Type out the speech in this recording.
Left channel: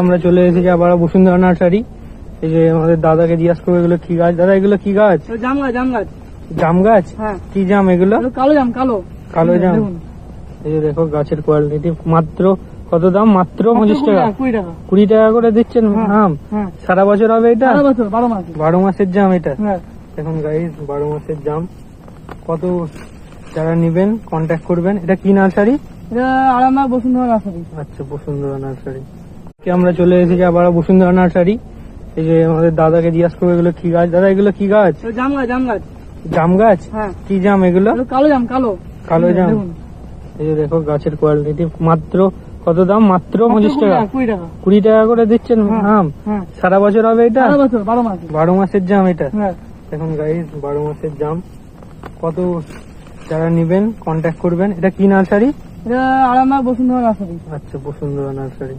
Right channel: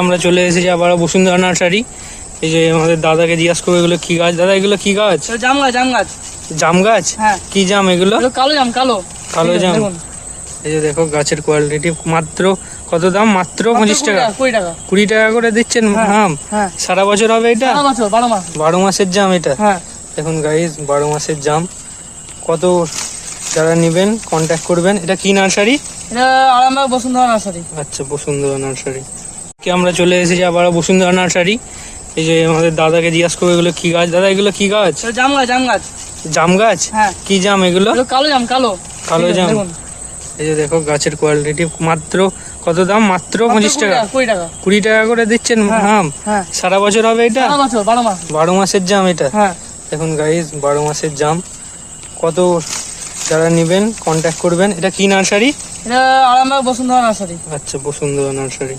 আমরা চলে এসেছি আবার বসুন্ধরা নার্সারি। এই যে আমাদের দাদাকে জিজ্ঞাসা করবো এগুলো কি গাছ। দাদা এগুলো কি গাছ? জাম গাছ। জাম গাছ? হ্যাঁ। কি জাম এগুলো? কালো জাম। কালো জাম। এই যে দেখো গাছের কোয়ালিটি। মাত্র কত দাম? মাত্র 25 টাকা। 20 টাকা করে দিচ্ছেন আম? সারা বছর হবে এটা? 12 মাসের জাম এটা। দেখুন গাইস, 12 মাসের জাম। কত যারা নেবেন কন্ট্যাক্ট করবেন। এটা কি নার্সারি? এটা আরামবাগ বসুন্ধরা নার্সারি। আচ্ছা, বসুন্ধরা নার্সারি। আমরা চলে এসেছি আবার বসুন্ধরা নার্সারি। এই যে আমাদের দাদাকে জিজ্ঞাসা করবো এগুলো কি গাছ। দাদা এগুলো কি গাছ? জাম গাছ। জাম গাছ? হ্যাঁ। কি জাম এগুলো? কালো জাম। কালো জাম। এই যে দেখো গাছের কোয়ালিটি। মাত্র কত দাম? মাত্র 25 টাকা। 20 টাকা করে দিচ্ছেন আম? সারা বছর হবে এটা? 12 মাসের জাম এটা। দেখুন গাইস, 12 মাসের জাম। কত যারা নেবেন কন্ট্যাক্ট করবেন। এটা কি নার্সারি? এটা আরামবাগ বসুন্ধরা নার্সারি। আচ্ছা, বসুন্ধরা নার্সারি।